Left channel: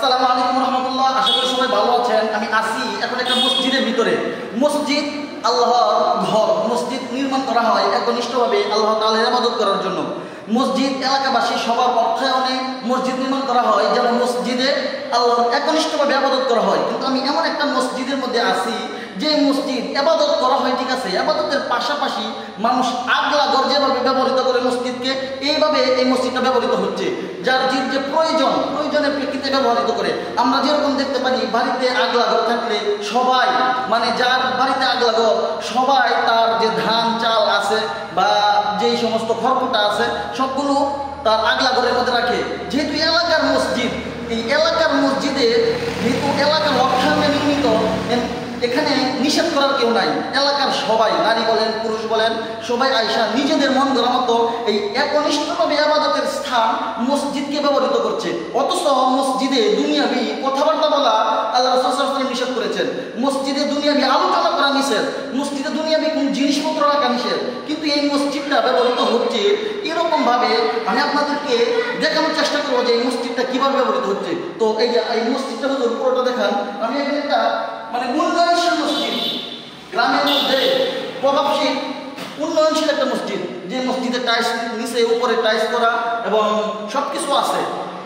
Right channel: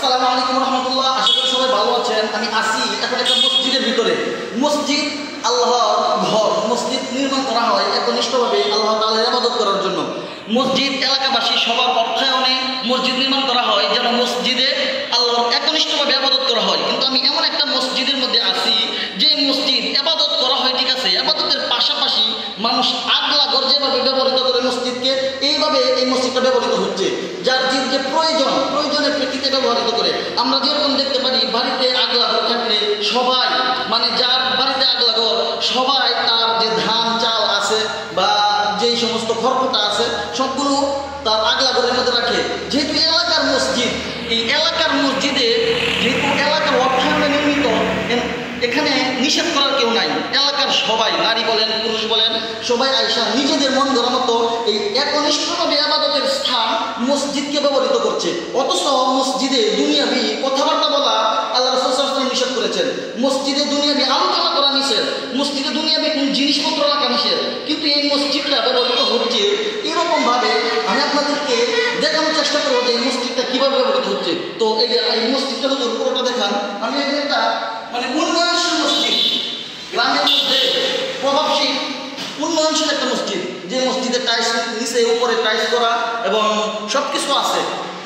আসসালামু আলাইকুম রহমতুল্লাহ। আশা করি সবাই ভালো আছেন। আমি আসি এখন একটা মসজিদের ভিতরে। মসজিদ আল্লাহর ঘর। মসজিদ নির্মাণ করা হয় একনিষ্ঠভাবে আল্লাহ তাআলার ইবাদত করার জন্য। মসজিদ এলাকাবাসী সবার অর্থায়নে মসজিদ নির্মাণ করা হয় যেন মসজিদে আল্লাহর একনিষ্ঠভাবে ইবাদত করা হয়। কিন্তু আমি এমন একটা মসজিদের মধ্যে আছি যে মসজিদ ইবাদত করা হয়, ঠিক আছে, ইবাদতের পাশাপাশি মানুষ আগলা ঘর যেভাবে ব্যবহৃত করে মসজিদকে, এইভাবে এই মসজিদটা ব্যবহৃত হচ্ছে। যার যে প্রয়োজনের প্রেক্ষিতে ব্যবহৃত করে। আমরা যেরকম দেখতে পারি বাড়িতে আগলা ঘর থাকলে সবাই, মানে যার বাড়িতে আগলা ঘর, সবাই তার যে ধান চাল আছে বা যেই সমস্ত খড়কুটা আছে সবগুলো তার আগলা ঘরের মধ্যে রাখে। যেহেতু এলাকার মসজিদ, এই এলাকার মসজিদে যেহেতু এলাকার অর্থায়নে নির্মিত, এখানে নিষেধ করার কেউ নাই। এলাকার সবাই, নারী বলেন পুরুষ বলেন, সবাই আয়সা নিজেদের মন ধরার মতো এই একনিষ্ঠভাবে ইবাদতের স্থান মসজিদকে ব্যবহৃত করছে। অথচ মসজিদে দুনিয়াবি কথাবার্তা বলা আল্লাহ রাসূল সাল্লাল্লাহু আলাইহি ওয়াসাল্লাম নিষেধ করেছেন। মসজিদে দুনিয়াবি আলোচনা করা নিষেধ, মসজিদে দুনিয়াবি কোন জিনিসপত্র রাখা নিষেধ। কিন্তু এই মসজিদটা ব্যবহৃত হচ্ছে এরকমভাবে। আমি আপনাদেরকে দেখানোর চেষ্টা করবো যে এই মসজিদটা কীভাবে ব্যবহৃত হচ্ছে। তো এই যে এই মসজিদটা হুজুর পুরোটা দেখান। আমি একটা মানে উন্নয়নশীল মসজিদ, গ্রামের মধ্যে প্রভাবশীল উন্নয়নশীল একটা মসজিদ, যে মসজিদের টাইলস নিচে উপরে টাইলস করা এবং সব কিছু আছে,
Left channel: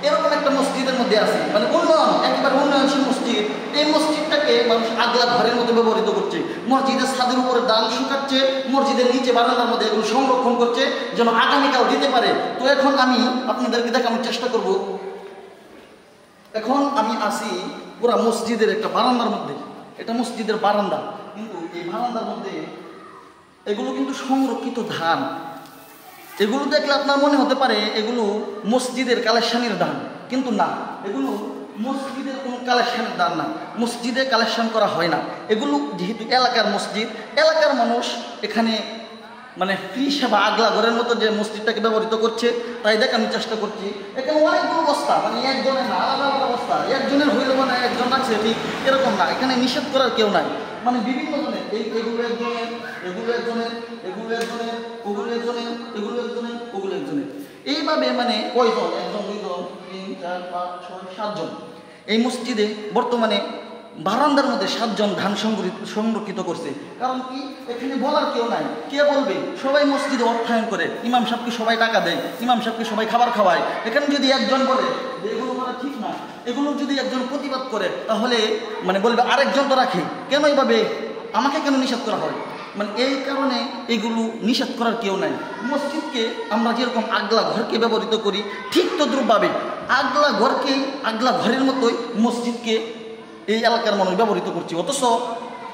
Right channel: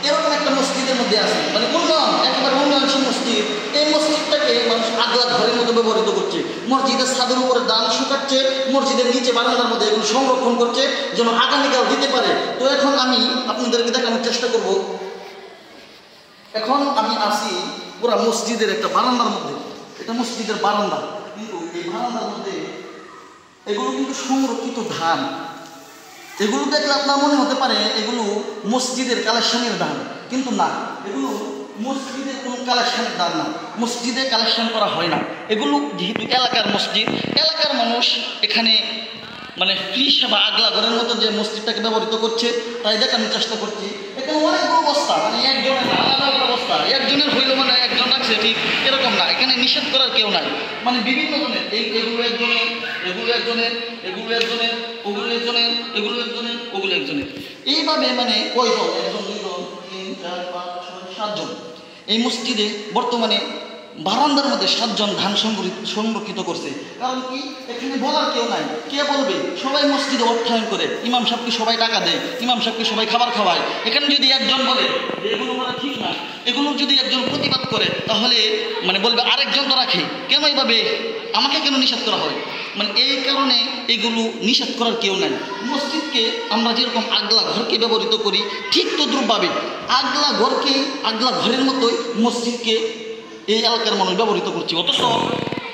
এরকম একটা মসজিদের মধ্যে আছে। মানে উন্নয়ন, একেবারে উন্নয়নশীল মসজিদ। এই মসজিদটাকে মানুষ আগলা ঘরের মতো ব্যবহৃত করছে। মসজিদের ছাদের উপরে দান শুকাচ্ছে, মসজিদের নিচে বারান্দার মধ্যে এগুলো সংরক্ষণ করছে যেন আগামীকাল দিতে পারে। তো এখন আমি আপনাদেরকে দেখানোর চেষ্টা করব। এখন আমি আসি পুরা মসজিদের একটা বারান্দার মধ্যে। এটা মসজিদের বারান্দা, কিন্তু এই বারান্দার মধ্যে এগুলো কিন্তু সংরক্ষিত ধান। এগুলো দেখলে আপনার মনে হতে পারে এগুলো মসজিদের কালেকশনের দান, কিন্তু না, এগুলো মসজিদের কোনো কালেকশনের দান না। মসজিদে কালেকশন করা হয় না। এগুলো যেহেতু এলাকার মসজিদ, এলাকার মানুষ এখানে মানে ফ্রি সেবা আগলা ঘরের মতো যে মসজিদটাকে ব্যবহৃত করছে, তাই দেখানোর চেষ্টা করছি। এখানে অনেকগুলো বস্তা, মানে একজনের না, আলাদা আলাদা বস্তা। একজনের হইল মানে একজন রাখছে, ঠিক এরকম না। এখানে নিষেধ করার কেউ নাই, মানে বিভিন্ন জনের, এগুলো একজনের, এগুলো একজনের, এগুলো একজনের, ওগুলো একজনের, এগুলো একজনের, ওগুলো একজনের, এইভাবে মানে কয়জন, একজন, দুইজন, 3, 4, 5, 6, 7 জন। এই মসজিদে বর্তমানে বারান্দার মধ্যে 7 জন ধান সংরক্ষিত করছে। কারণ কি, এখানে বলার কেউ নাই। কে বলবে? সবাই মসজিদে অর্থায়ন করে, ইমাম সাহেবকে সবাই টাকা দেয়, ইমাম সাহেবকে সবাই খাবার খাওয়ায়। এখানে যদি একজন বলে যে এগুলো করা ঠিক না, এগুলো যদি একজন প্রতিবাদ করে, তাহলে মানে বলবে আরেকজন তো রাখে, কেন এইভাবে আমাকে কেন নিষেধ করা হয়? মানে এই কারণে এগুলো নিষেধ করার কেউ নাই। মসজিদকে আমরা যেরকম আগলা ঘরকে ব্যবহৃত করি, ঠিক তদ্রূপভাবে আগলা ঘরকে, আগলা ঘরের মতোই মসজিদকে এই এলাকার মানুষ ব্যবহৃত করছে। অথচ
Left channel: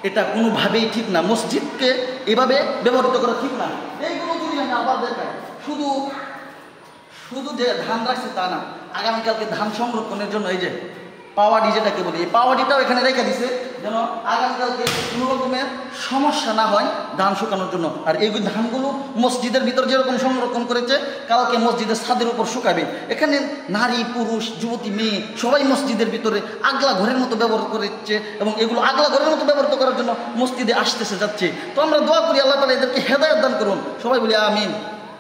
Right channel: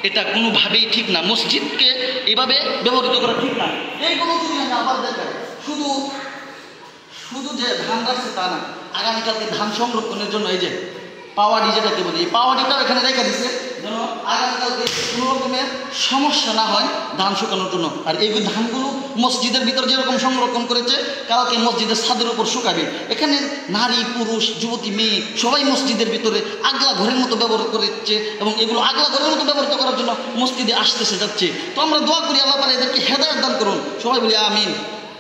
এটা কোনোভাবেই ঠিক না। মসজিদকে এভাবে ব্যবহৃত করা ঠিক না। এইগুলো যদি আমি আবার দেখাই, শুধু যে ধান রাখছে তা না, আগামীকালকে ধান সংরক্ষণের জন্য এই যে পাওয়াডি যেটাকে বলি, এই পাওয়াডিটাও এখানে রেখে দিছে যেন আগামীকালকে কোনো রকমের সমস্যা না হয় ধান শুকানোর জন্য। আর এই ধানগুলো মসজিদের ভিতর যেরকম সংরক্ষণ করেছে, কালকে মসজিদের ছাদের উপর শুকাবে। এখানে নারী পুরুষ যুবতী মেয়ে সবাই মসজিদের ভিতরে আগলা ঘরের মতো ব্যবহার করেছে এবং এগুলো আগলা ঘরের মতো ব্যবহৃত করার জন্য মসজিদে আসতেছে যাচ্ছে। তো আমরা দোয়া করি আল্লাহ তাআলা এদেরকে হেদায়েত দান করুন। সবাই বলি আমিন।